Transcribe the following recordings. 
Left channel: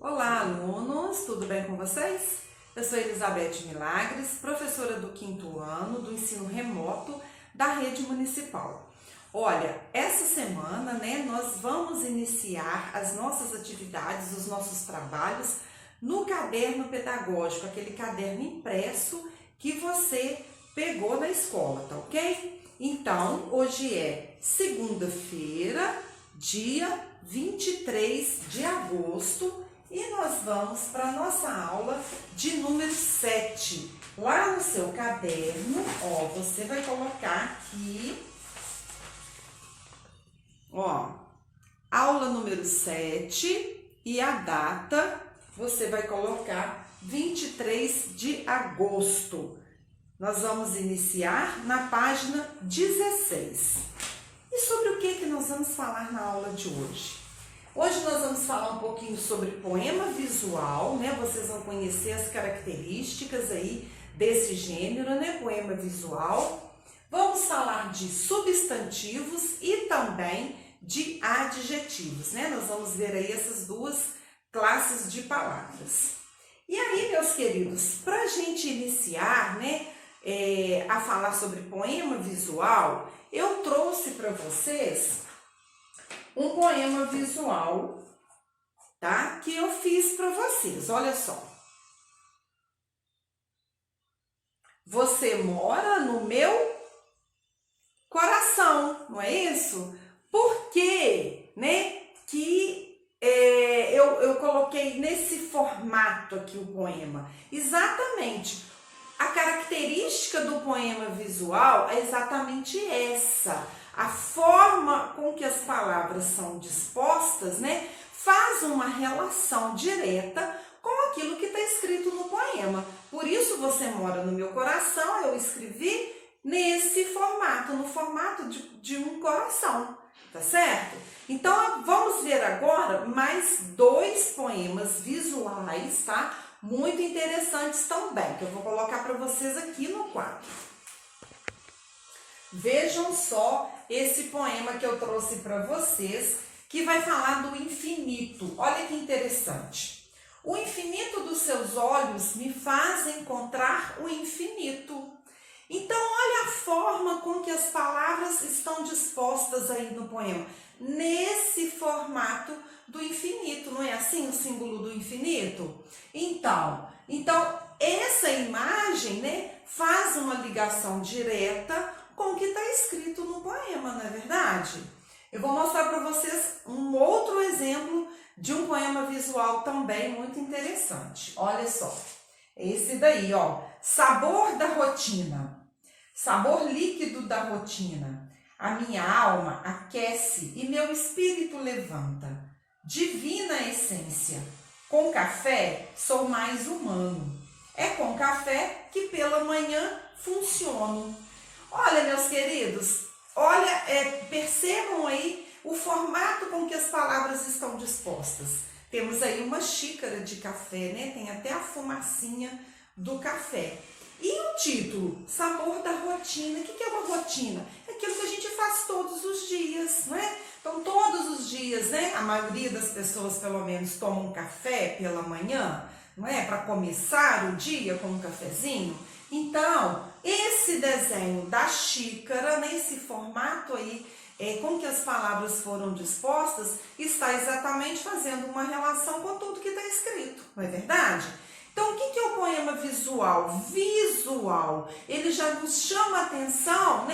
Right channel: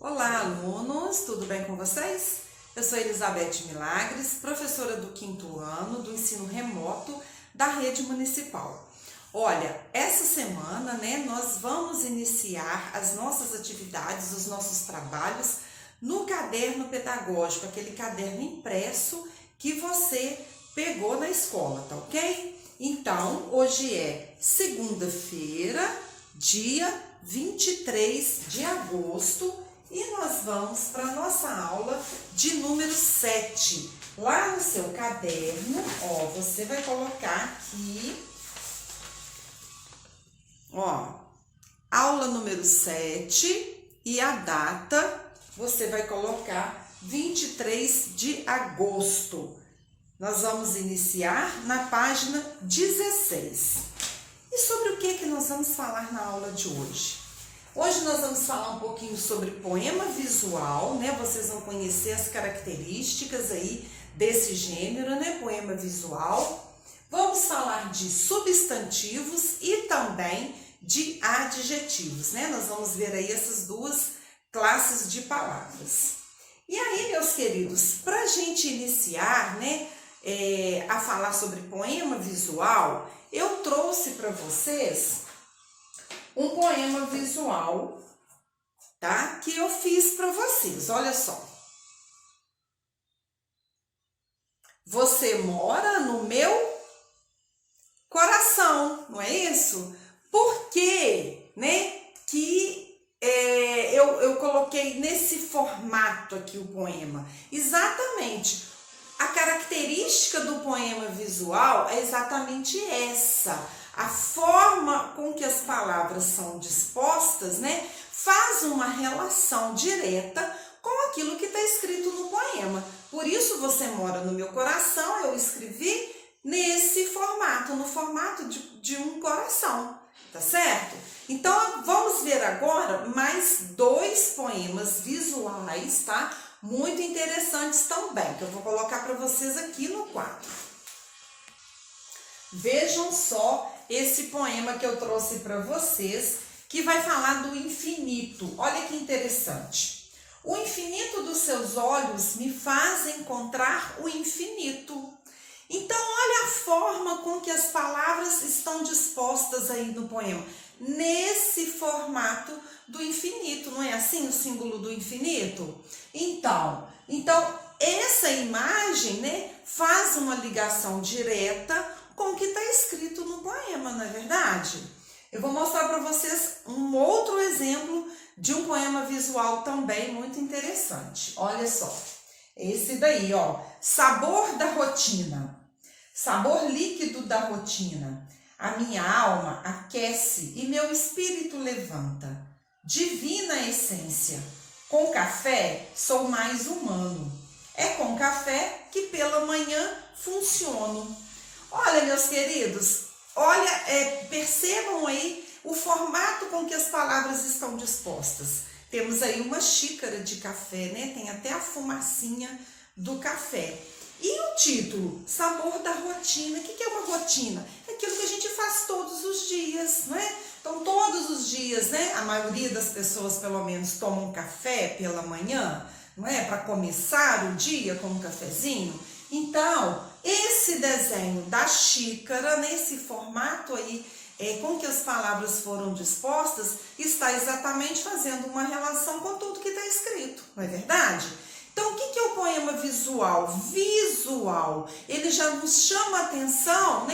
Olá, alunos! Tudo bem com vocês? Eu sou Elizabeth Milagres, professora do 5º ano do ensino remoto da rede municipal. Olha, essa semana, nós vamos iniciar as nossas atividades, os nossos trabalhos no caderno pedagógico, aquele caderno impresso que você pegou na escola, tá ok? Então, hoje é segunda-feira, dia 23 de agosto, e nós vamos para a nossa aula de número 7. Lá no seu caderno, você vai colocar aqui, aula número 7 e a data você vai colocar 23 de agosto. Nós vamos iniciar na página 16. E sobre o que nós vamos falar na aula de hoje? Hoje nós vamos falar um pouquinho sobre poema visual, Vocês vão conhecer as características aí desse gênero, poema visual. Vamos falar de substantivos e também de adjetivos, Nós vamos ver aí essas duas classes de palavras. E aí, meus queridos, para a gente iniciar, a falar sobre poema visual, eu trouxe para vocês um poema visual, tá? Que eu fiz para vocês, olha só. Você mora no meu coração, não é isso? Por quê, que eu coloquei nesse formato aqui o poema? Exatamente, a característica do poema visual é exatamente essa. A forma com que as palavras são dispostas, faz uma relação direta com aquilo que está escrito no poema. Por isso, você mora no meu coração, eu escrevi nesse formato, no formato de um coração, tá certo? Então, vamos ver agora mais dois poemas visuais, tá? Muito interessantes também, que eu vou colocar para vocês aqui no quadro. Vejam só esse poema que eu trouxe para vocês, que vai falar do infinito. Olha que interessante. O infinito dos seus olhos me faz encontrar o infinito. Então, olha a forma com que as palavras estão dispostas aí no poema. Nesse formato do infinito, não é assim o símbolo do infinito? Então essa imagem, faz uma ligação direta com o que está escrito no poema, não é verdade? Eu vou mostrar para vocês um outro exemplo de um poema visual também muito interessante. Olha só, esse daí, sabor da rotina, sabor líquido da rotina. A minha alma aquece e meu espírito levanta. Divina essência, com café sou mais humano. É com café que pela manhã funciono. Olha, meus queridos, percebam aí o formato com que as palavras estão dispostas. Temos aí uma xícara de café, Tem até a fumacinha do café. E o título, sabor da rotina. O que é uma rotina? É aquilo que a gente faz todos os dias, Então, todos os dias, a maioria das pessoas, pelo menos, tomam café pela manhã, Para começar o dia com um cafezinho. Então, esse desenho da xícara, nesse formato aí, com que as palavras foram dispostas, está exatamente fazendo uma relação com tudo que está escrito, não é verdade? Então, o que é o poema visual? Visual, ele já nos chama a atenção,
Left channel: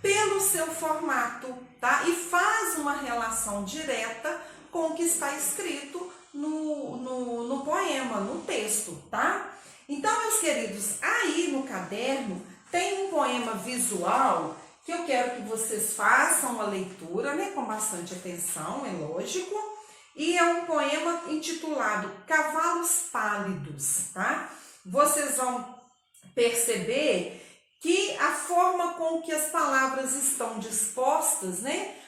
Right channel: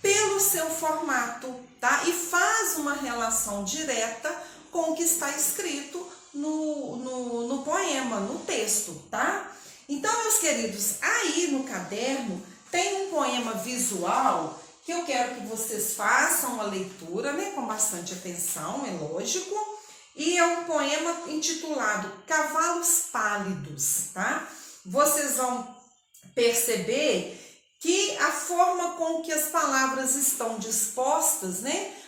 pelo seu formato, tá? E faz uma relação direta com o que está escrito no poema, no texto, tá? Então, meus queridos, aí no caderno tem um poema visual que eu quero que vocês façam a leitura, com bastante atenção, é lógico. E é um poema intitulado Cavalos Pálidos, tá? Vocês vão perceber que a forma com que as palavras estão dispostas,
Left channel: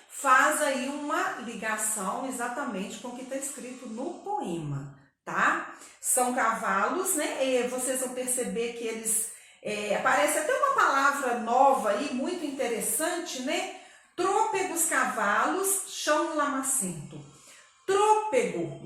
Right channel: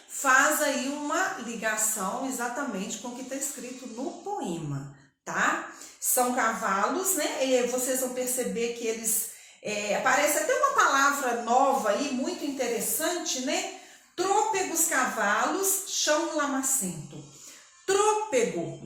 faz aí uma ligação exatamente com o que está escrito no poema, tá? São cavalos, E vocês vão perceber que eles aparece até uma palavra nova aí, muito interessante, Trôpegos cavalos, chão lamacento. Trôpego,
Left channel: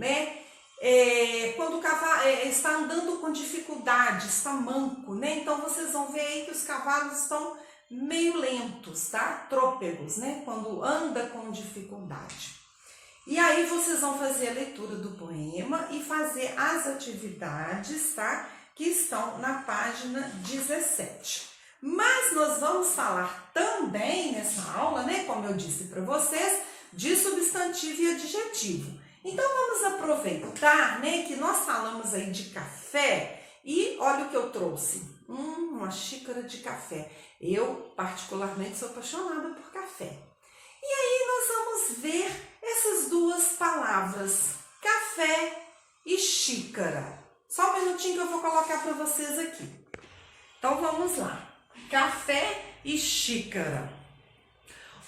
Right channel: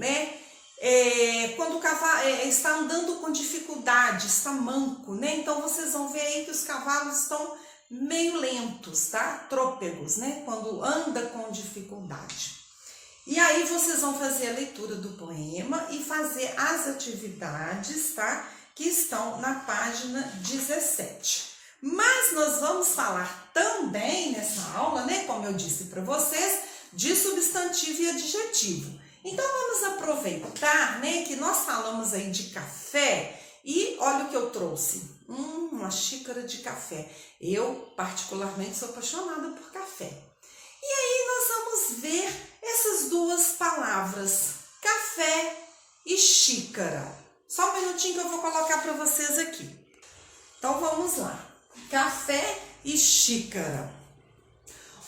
quando o cavalo está andando com dificuldade, está manco, né? Então vocês vão ver aí que os cavalos estão meio lentos, tá? Trôpegos, né? Quando anda com dificuldade. E aí vocês vão fazer a leitura do poema e fazer as atividades, tá? Que estão na página 17. Mas nós vamos falar também nessa aula, né? Como eu disse para vocês, de substantivo e adjetivo. Então vamos aproveitar, né? Que nós falamos aí de café e olha o que eu trouxe. Uma xícara de café. Eu, particularmente, sou apaixonada por café. E aí nós vamos ver essas duas palavras, café e xícara. Só um minutinho que eu vou colocar para vocês aqui. Então vamos lá. Café e xícara.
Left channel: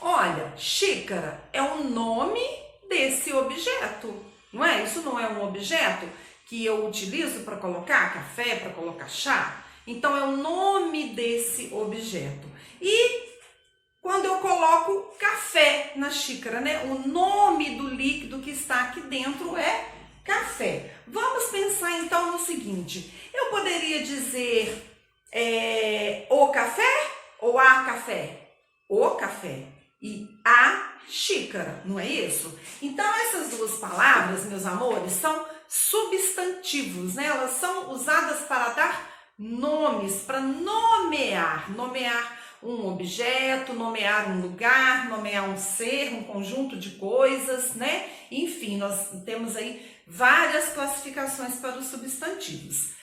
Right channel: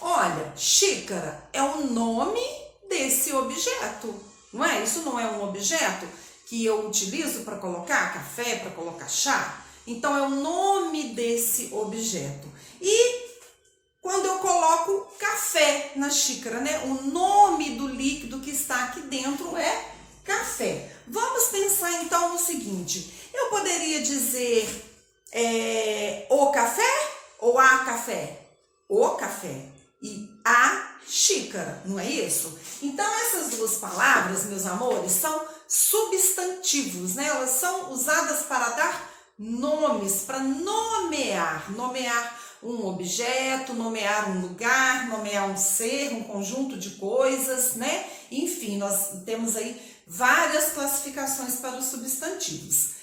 Olha, xícara é o nome desse objeto, não é? Isso não é um objeto que eu utilizo para colocar café, para colocar chá? Então é o nome desse objeto. E quando eu coloco café na xícara, né? O nome do líquido que está aqui dentro é café. Vamos pensar então no seguinte: eu poderia dizer o café ou a café? O café e a xícara, não é isso? Então essas duas palavras, meus amores, são substantivos, né? Elas são usadas para dar nomes, para nomear um objeto, nomear um lugar, nomear um ser, um conjunto de coisas, né? Enfim, nós temos aí várias classificações para os substantivos.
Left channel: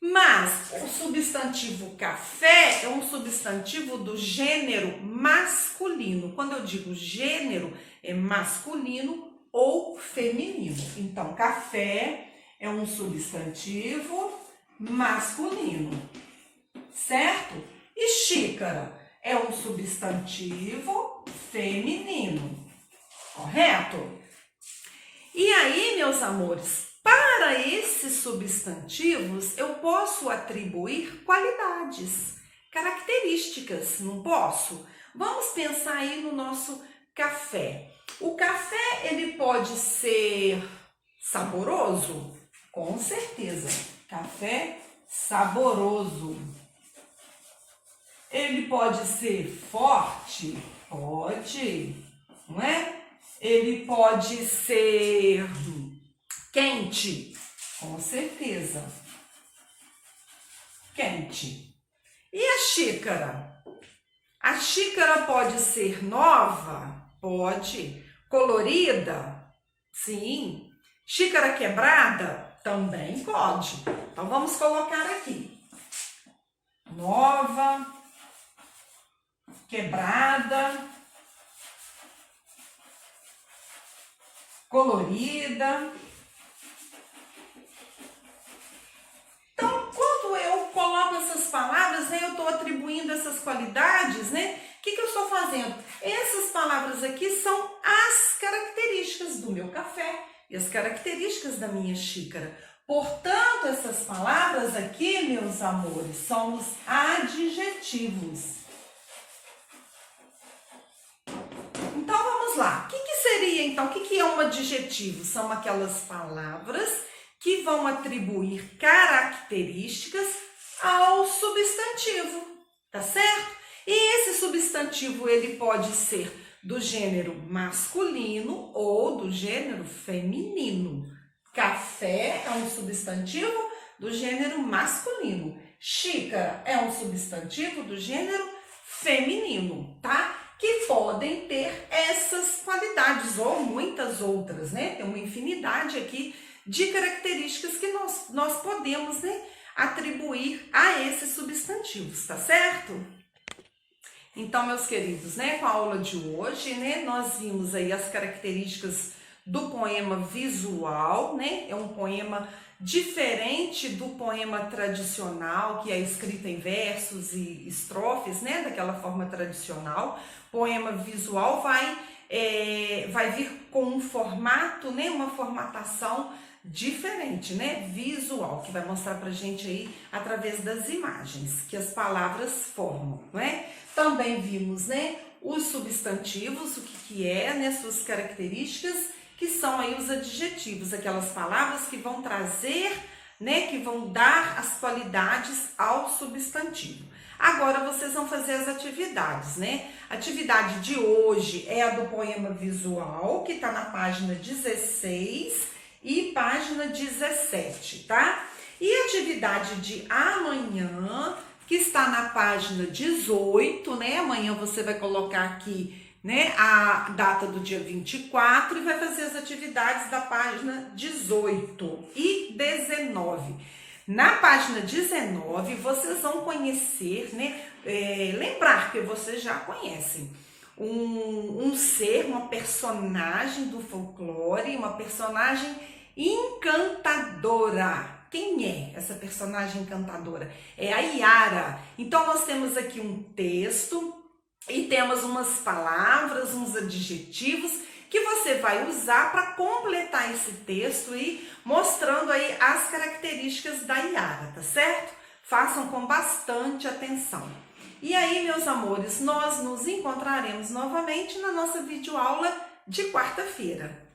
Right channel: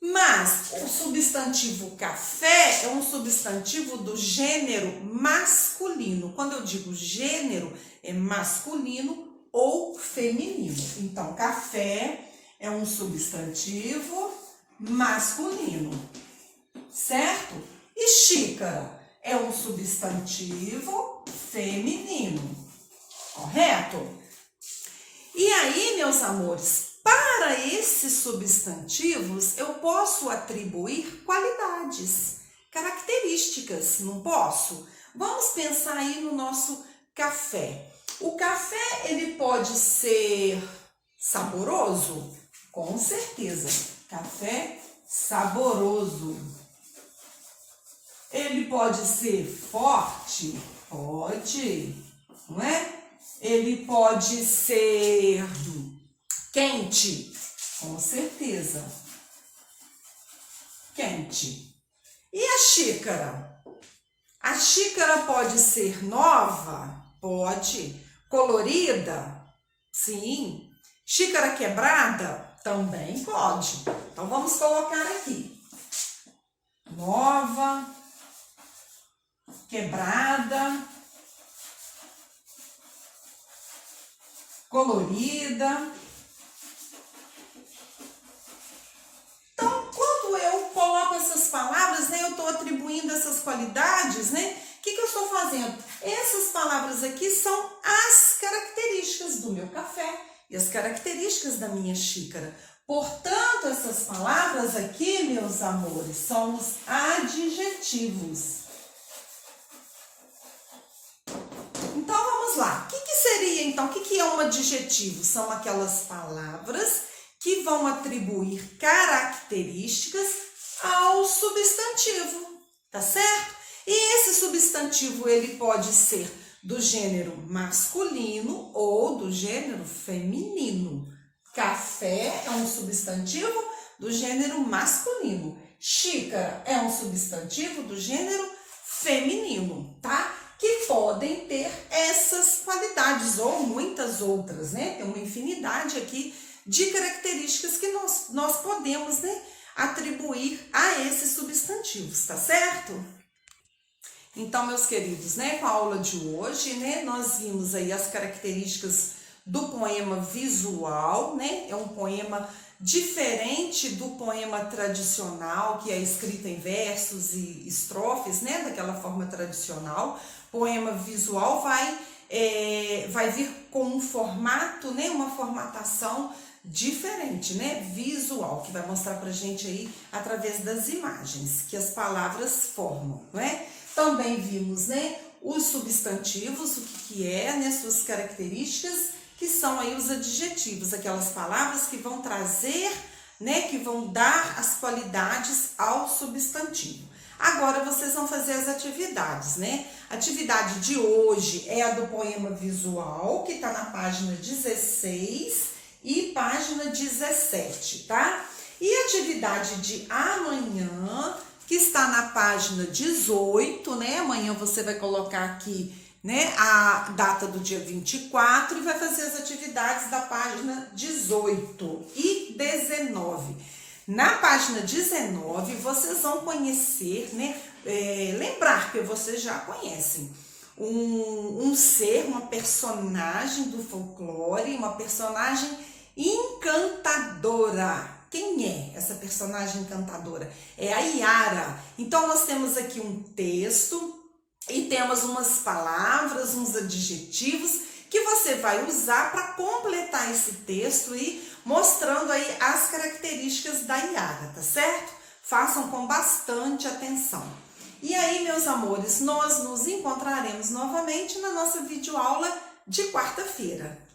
Mas o substantivo café é um substantivo do gênero masculino. Quando eu digo gênero, é masculino ou feminino. Então, café é um substantivo masculino, certo? E xícara é um substantivo feminino, correto? E aí, meus amores, para esses substantivos, eu posso atribuir qualidades, características, não posso? Vamos pensar aí no nosso café. O café, ele pode ser saboroso? Com certeza. Café saboroso. Ele pode ser forte? Pode, não é? Ele pode ser quente? Com certeza. Quente. E a xícara? A xícara pode ser nova? Pode. Colorida? Sim. Xícara quebrada? Também pode. Então vamos colocar aqui. Nova, quebrada, colorida. Então, quando eu coloco essas palavras, né, eu estou atribuindo essas qualidades, né? O que eu estou fazendo? Essas palavras aqui são as características do meu café e as características da minha xícara. Portanto, essas palavras aqui, meus amores, são os adjetivos. Então, vamos lá. O que seria, então, o que é um adjetivo? São aquelas palavras que vão atribuir características ao substantivo, tá certo? E esse substantivo, ele pode ser do gênero masculino ou do gênero feminino. Café é um substantivo do gênero masculino. Xícara é um substantivo do gênero feminino, tá? Que podem ter essas qualidades ou muitas outras, né? Tem uma infinidade aqui de características que nós podemos, né, atribuir a esses substantivos, tá certo? Então, meus queridos, né, com a aula de hoje, né, nós vimos aí as características do poema visual, né? É um poema diferente do poema tradicional, que é escrito em versos e estrofes, né? Daquela forma tradicional. Poema visual vai vir com um formato, né? Uma formatação diferente, né? Visual, que vai mostrar pra gente aí através das imagens que as palavras formam, não é? Também vimos, né? Os substantivos, o que é, né? Suas características. que são aí os adjetivos, aquelas palavras que vão trazer, né, que vão dar as qualidades ao substantivo. Agora vocês vão fazer as atividades, né? A atividade de hoje é a do poema visual, que tá na página 16 e página 17, tá? E a atividade de amanhã, que está na página 18, né? Amanhã você vai colocar aqui, né, a data do dia 24 e vai fazer as atividades da página 18 e 19. Na página 19, vocês vão conhecer, né, lembrar que vocês já conhecem um ser, uma personagem do folclore, uma personagem encantadora. Quem é essa personagem encantadora? É a Iara. Então, nós temos aqui um texto e temos umas palavras, uns adjetivos que você vai usar para completar esse texto e mostrando aí as características da Iara, tá certo? Façam com bastante atenção. E aí, meus amores, nós nos encontraremos novamente na nossa videoaula de quarta-feira.